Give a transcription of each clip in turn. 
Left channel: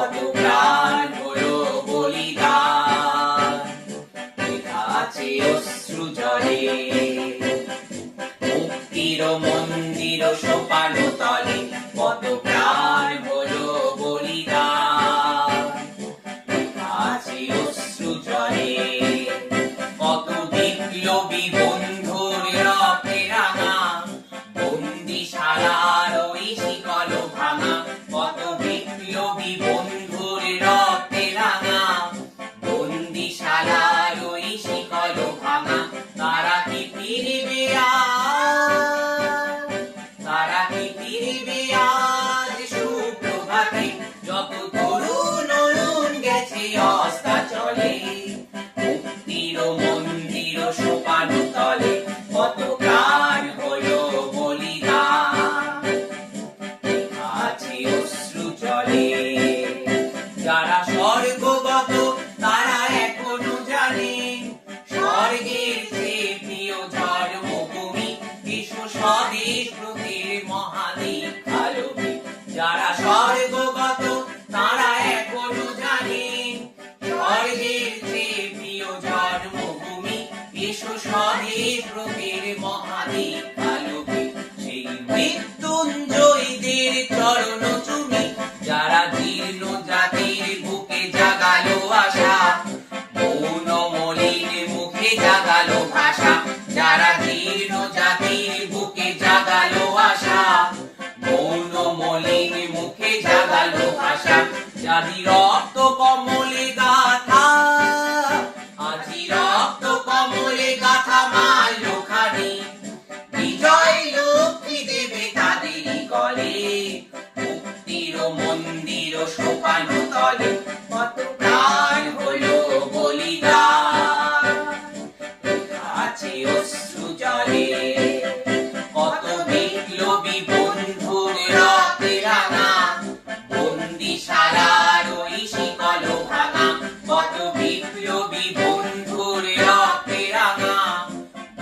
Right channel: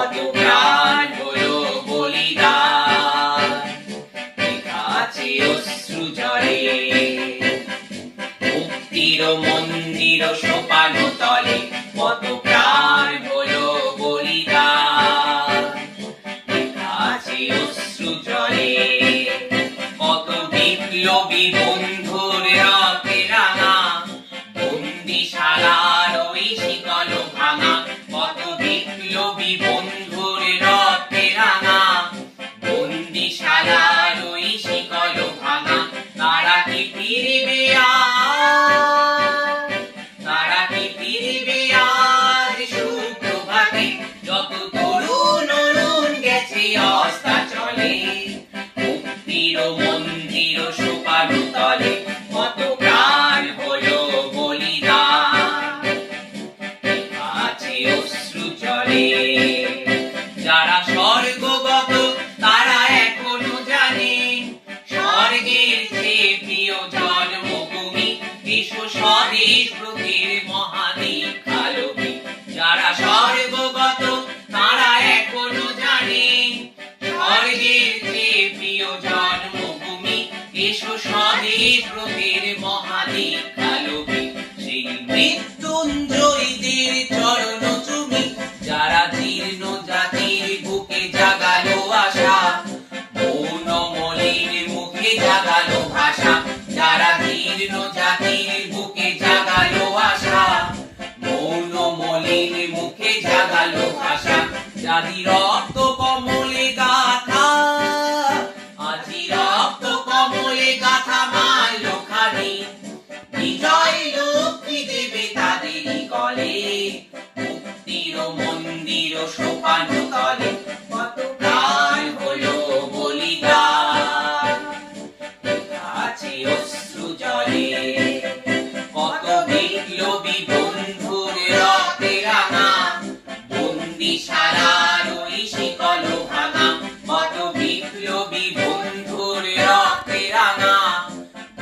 কত প্রাণ হলো বলিদান, লেখা আছে অশ্রু জলে। মুক্তির মন্দির সোপান তলে কত প্রাণ হলো বলিদান, লেখা আছে অশ্রু জলে। কত বিপ্লবী বন্ধুর রক্তে রাঙা বন্দিশালার ওই শিকল ভাঙা, কত বিপ্লবী বন্ধুর রক্তে রাঙা বন্দিশালার ওই শিকল ভাঙা। তারা কি ফিরবে আজ, তারা কি ফিরবে আজ সুপ্রভাতে, যত তরুণ অরুণ গেছে অস্তাচলে। মুক্তির মন্দির সোপান তলে কত প্রাণ হলো বলিদান, লেখা আছে অশ্রু জলে। যারা স্বর্গগত তারা এখনো জানে স্বর্গের চেয়ে প্রিয় জন্মভূমি বিশ্ব স্বদেশ ব্রতের মহাদীক্ষালোকে। যারা স্বর্গগত তারা এখনো জানে স্বর্গের চেয়ে প্রিয় জন্মভূমি বিশ্ব স্বদেশ ব্রতের মহাদীক্ষালোকে। সেই মৃত্যুঞ্জয়ীদের চরণ চুমি যারা জীর্ণ জাতির বুকে জাগালো আশা, মৌন মলিন মুখে জাগালো ভাষা। যারা জীর্ণ জাতির বুকে জাগালো আশা, মৌন মলিন মুখে জাগালো ভাষা। যাদি রক্ত কমলে গাথা, আজি রক্ত কমলে গাথা মাল্য খানি, বিজয় লক্ষ্মী দেবে তাদেরই কলে। মুক্তির মন্দির সোপান তলে কত প্রাণ হলো বলিদান, লেখা আছে অশ্রু জলে। কত বিপ্লবী বন্ধুর রক্তে রাঙা বন্দিশালার ওই শিকল ভাঙা, কত বিপ্লবী বন্ধুর রক্তে রাঙা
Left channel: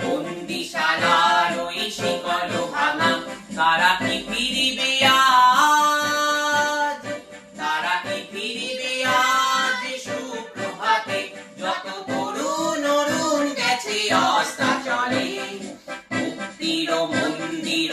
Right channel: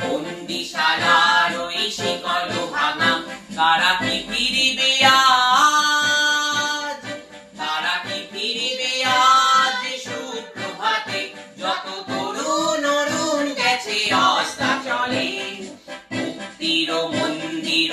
বন্দিশালার ওই শিকল ভাঙা। তারা কি ফিরবে আজ, তারা কি ফিরবে আজ সুপ্রভাতে, যত তরুণ অরুণ গেছে অস্তাচলে। মুক্তির মন্দির